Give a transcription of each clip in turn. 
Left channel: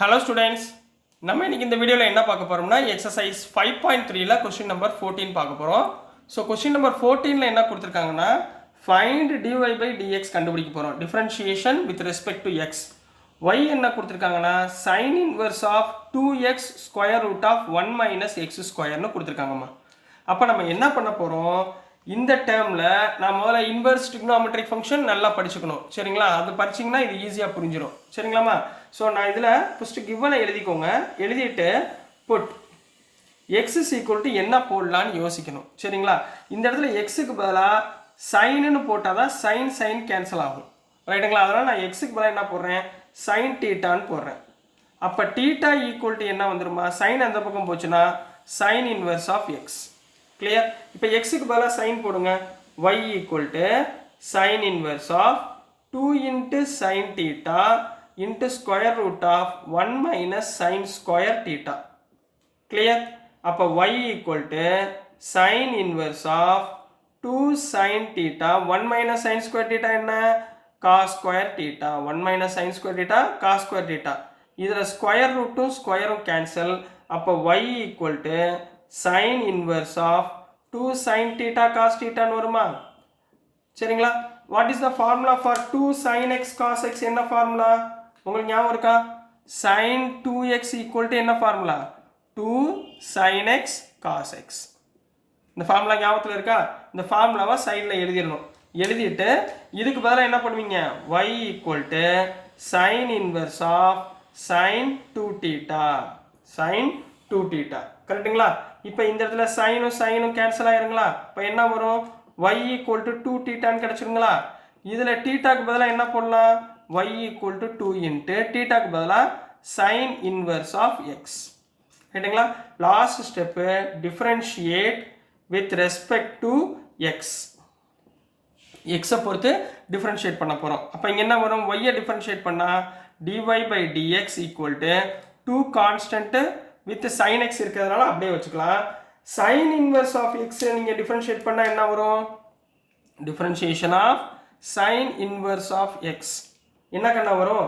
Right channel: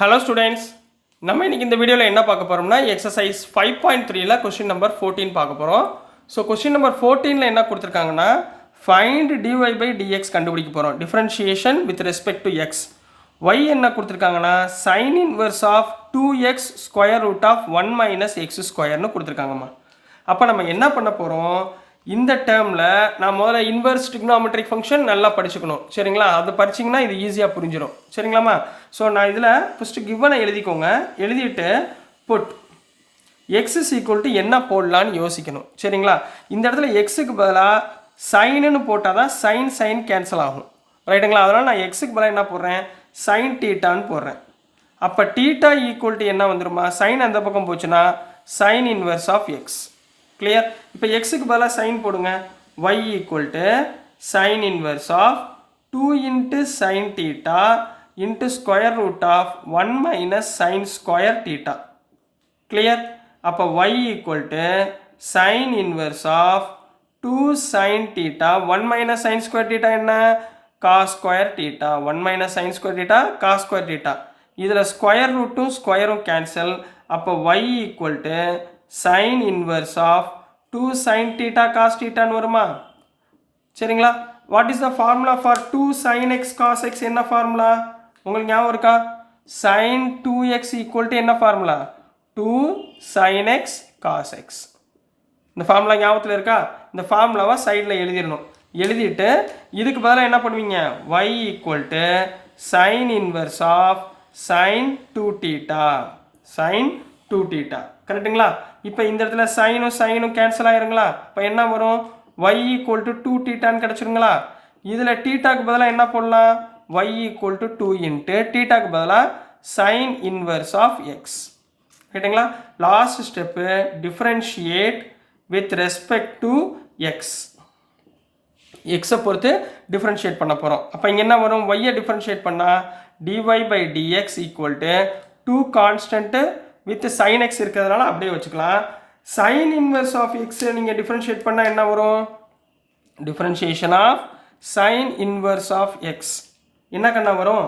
Hello students, நம்ம இன்னைக்கு இந்த வீடியோவில் என்ன பார்க்க போகிறோம்னா எக்ஸசைஸ் 5.3ல கொஸ்டின் நம்பர் 14 பார்க்க போகிறோம். ஸோ கொஸ்டின் நம்பர் 14ல் என்ன கொடுத்துருக்காங்கன்னா ஃபைண்ட் dy by dx கண்டுபிடிக்க போகிறோம். Differentiation with respect to x. y என்ன கொடுத்துருக்காங்கன்னா sine inverse of 2x square root of 1 minus x ஸ்கொயர்னு கொடுத்துருக்காங்கம்மா. அப்போ நம்ம என்ன பண்ண போகிறோம், இந்த டேர்மில் நான் முதல்ல இன்வர்ஸ் ட்ரிக்னாமெட்ரிக் ஃபங்க்ஷன் நல்லா படிச்சுக்கணும். சரிங்களா, அது படிச்சிங்கன்னா இது ஈஸியாக புரிஞ்சிடும். சரிங்களாம்மா. ஸோ நான் இதில் ஃபஸ்ட்டு கிவனை எழுதிக்கோங்க. எழுதிட்டு put x is equal to என்ன போடலான்னு யோசிக்கணும். சரிங்களா, இந்த இடத்துல எக்ஸுக்கு பதிலாக சைனுன்னு போட்டால் தான் சைன் கேன்சல் ஆகும். ரைட்டுங்களா, அதனால் நான் எக்ஸுக்கு பதிலாக என்ன போடுறேன், சைன் டீட்டான்னு போடுறேன். அப்போ டீட்டா ஈக்குவல் டு என்ன வந்துருமா, சைன் அந்த பக்கம் போச்சுன்னா sine inverse of x. Clear. இப்போ எக்ஸுக்கு பதிலாக சைன் போடுங்க. y equal to sine inverse of 2 into sine theta into square root of 1 minus sine square theta. Clear. அப்போ y equal to sine inverse of 2 sine theta 1 minus sine square theta என்ன, cos square theta. 1 minus sine square theta cos square theta. இதில் square ரூட்டும் ஸ்கொயரும் cancel. அப்போ y equal to sine inverse of 2 sine theta cos டீட்டான்னு வருமா. சரிங்களா. What is the formula for 2 sine x cos x, என்ன formula உங்களுக்கு ஞாபகம் இருக்கா, சைன் 2x ஈக்குவல் டு என்ன formula, 2 sine x cos x. இந்த ஃபார்முலா ஞாபகத்தில் இருக்கா, இந்த ஃபார்முலாவை சைடில் எழுதிடணும். எழுதிட்டு இதுக்கு பதிலாக என்ன பண்ணுவீங்க, y equal to sine inverse of sine 2 theta sine 2 theta. கரெக்டுங்களா. இப்போ இந்த இடத்துல சைனும் கேன்சல் ஆயிருங்களா. இப்போ என்ன வரும், y ஈக்குவல் டு 2 டீட்டான்னு கிடச்சிருங்களா. இதில் டீட்டாக்கு பதிலாக என்ன போடலாம், y ஈக்குவல் டு 2 இன்ட்டு டீட்டாக்கு பதிலாக சைன் இன்வர்ஸ் ஆஃப் எக்ஸ். ரைட்டுங்களா. Last step differentiate with respect to X. எக்ஸை பொறுத்து டிஃப்ரென்ஷியேட் பண்ண போகிறோம். அப்போ இங்கே என்ன வரும், y டிஃப்ரென்ஷியேட் பண்ணால் dy by dx equal to 2 constant with sine x இருக்கிறதுனால அப்படியே வச்சுக்கலாம். சைன் இன்வர்ஸ் ஆஃப் எக்ஸ் நீங்கள் டிஃப்ரென்ஷியேட் பண்ணால் என்ன வரும், differentiation of sine inverse of x என்ன கண்ணா வரும்,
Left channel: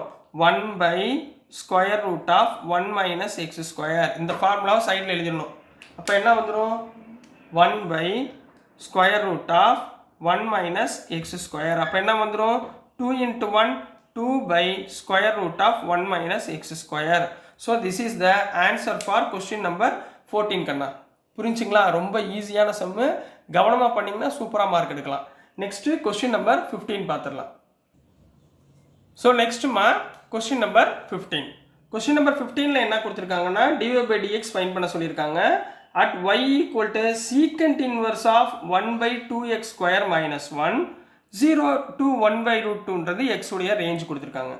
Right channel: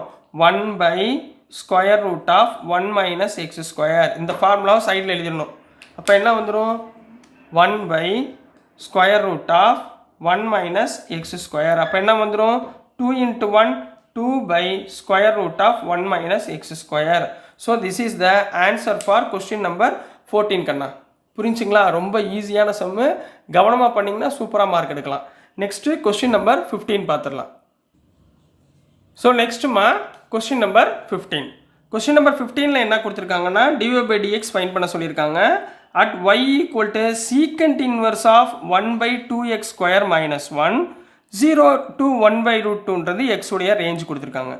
1 by square root of 1 minus x square. இந்த ஃபார்முலாவை சைடில் எழுதிடணும். அப்போ என்ன வந்துடும், 1 by square root of 1 minus x square. அப்போ என்ன வந்துடும், 2 into 1 2 by square root of 1 minus x square. So this is the answer for question number 14 கண்ணா. புரிஞ்சுங்களா, ரொம்ப ஈஸியான சம்மு, கவனமாக பண்ணிங்கன்னா சூப்பராக மார்க் எடுக்கலாம். நெக்ஸ்ட்டு கொஸ்டின் நம்பர் 15 பார்த்துடலாம். ஸோ நெக்ஸ்ட்டுமா கொஸ்டின் நம்பர் 15. கொஸ்டின் நம்பர் 15ல் என்ன கொடுத்துருக்காங்கன்னா dy by dx ஃபைண்ட் பண்ண சொல்லியிருக்காங்க. At y equal to secant inverse of 1 by 2x square minus 1 0 to 1 by root 2ன்றது எக்ஸுடைய ரேஞ்ச் கொடுத்துருக்காங்க.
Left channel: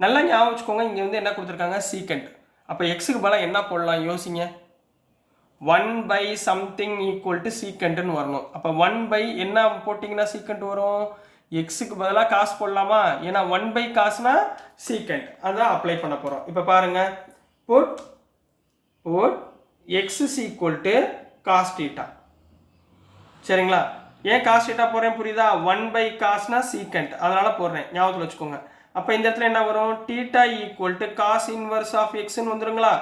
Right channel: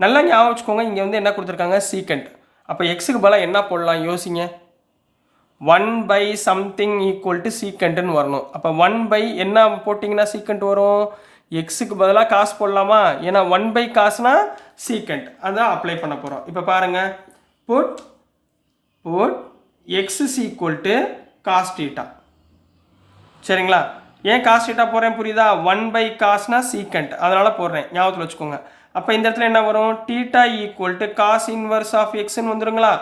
நல்லா ஞாபகம் வச்சுக்கோங்க, இங்கே வந்து என்ன கொடுத்துருக்காங்க, சீக்கண்ட். அப்போ எக்ஸுக்கு பதிலாக என்ன போடலாம் யோசிங்க, 1 பை சம்திங் ஈக்குவல் டு சீக்கண்ட்டுன்னு வரணும். அப்போ 1 பை என்ன போட்டிங்கன்னா சீக்கண்ட் வரும், எக்ஸுக்கு பதிலாக காசு போடலாமா, ஏன்னா 1 பை காசுனா சீக்கண்ட், அதான் அப்ளை பண்ண போகிறோம். இப்போ பாருங்கள், put x is equal to cos theta. சரிங்களா, ஏன் காஸ் டீட்டா போடுறேன் புரியுதா, 1 பை காஸ்னா சீக்கண்ட், அதனால் போடுறேன், ஞாபகத்தில் வச்சுக்கோங்க. அப்போ இந்த இடத்துல என்ன வரும், theta equal to cos inverse of எக்ஸ்ன்னு வந்துருங்களா.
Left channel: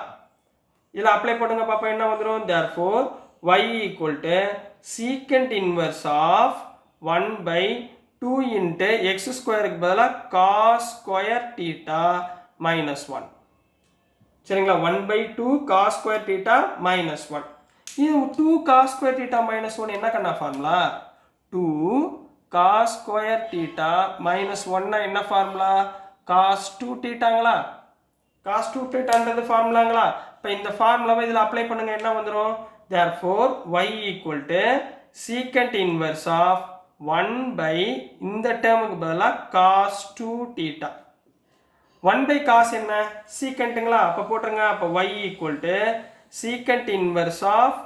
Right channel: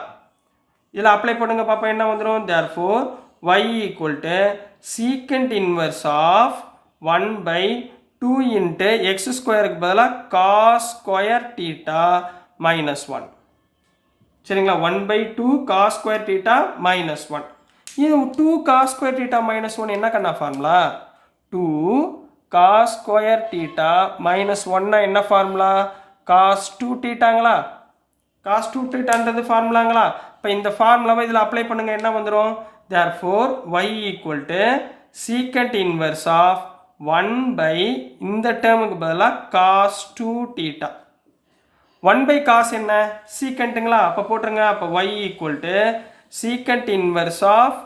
இதில் அப்ளை பண்ணுங்க பாப்பா, என்ன வந்துடும், therefore y equal to secant inverse of 1 by 2 into x ஸ்கொயருக்கு பதிலாக காஸ் ஸ்கொயர் டீட்டா மைனஸ் 1. சரிங்களா, 1 by 2 cos square theta minus 1. இது 2 காஸ் ஸ்கொயர் டீட்டா மைனஸ் 1 என்ன கண்ணா formula, 2 cos square theta minus 1 என்ன ஃபார்முலா, காஸ் 2 டீட்டாங்களா. காஸ் 2 டீட்டான்றது ஃபார்முலாங்களா. இப்போ இந்த ஃபார்முலாவை இதில் அப்ளை பண்ணுங்கள், என்ன வந்துடும், therefore y equal to secant inverse of 1 by இந்த டேர்முக்கு பதிலாக காஸ் 2 டீட்டா. 1 பை காஸ் என்ன சீக்கண்ட்டுங்களா, அப்போ போட்டுருங்க. அப்போ y equal to secant inverse of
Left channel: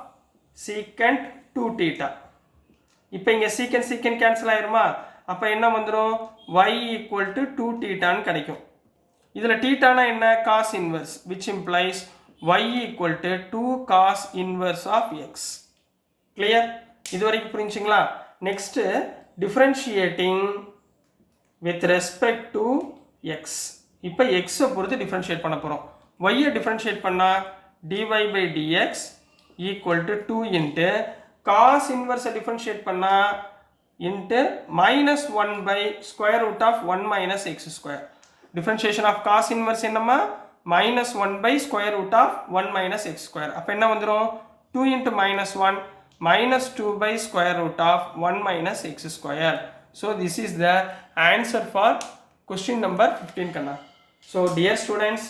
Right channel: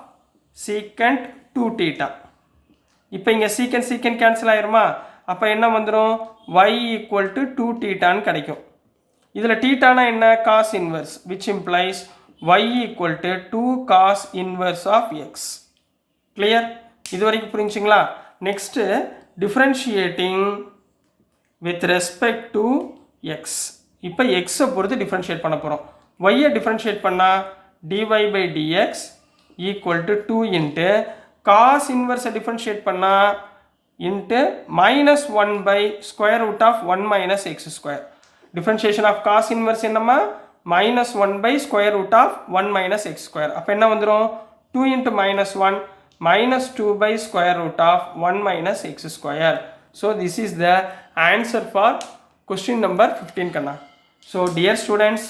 secant 2 theta. இப்போ இங்கே சீக்கண்ட் கேன்சல் ஆயிருமா. அப்போ என்ன வந்துடும், y ஈக்குவல் டு 2 டீட்டான்னு கிடைக்கும். இதில் டீட்டானா என்ன, cos inverse, which implies y equal to 2 cos inverse of x. Clear, இது வரைக்கும் புரிஞ்சுங்களா. Next differentiating with respect to x. இப்போ எக்ஸை பொறுத்து டிஃப்ரென்ஷியேட் பண்ண போகிறோம். ஒய்யை டிஃப்ரென்ஷியேட் பண்ணால் dy by dx equal to 2 into cos இன்வர்ஸை டிஃப்ரென்ஷியேட் பண்ணால் into minus 1 by square root of 1 minus x square. Differentiation of cos inverse என்னம்மா minus 1 by square root of 1 minus x square. அப்போ என்ன வந்துடும் 2 into minus 1 minus 2 by square root of 1 minus x square. So this is the answer for question number 15 கண்ணா. So dear students,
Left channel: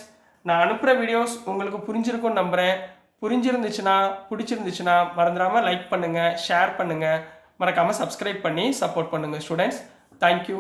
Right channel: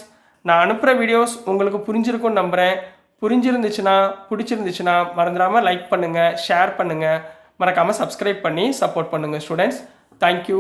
நான் அனுப்புகிற videos உங்களுக்கு புரிஞ்சிருக்கும்னு நம்புகிறேன். பிடிச்சிருந்துச்சுன்னா மறந்துடாமல் லைக் பண்ணுங்கள், ஷேர் பண்ணுங்கள், மறக்காமல் சப்ஸ்கிரைப் பண்ணி சப்போர்ட் பண்ணுங்கள் ஸ்டூடெண்ட்ஸ். தேங்க்யூ.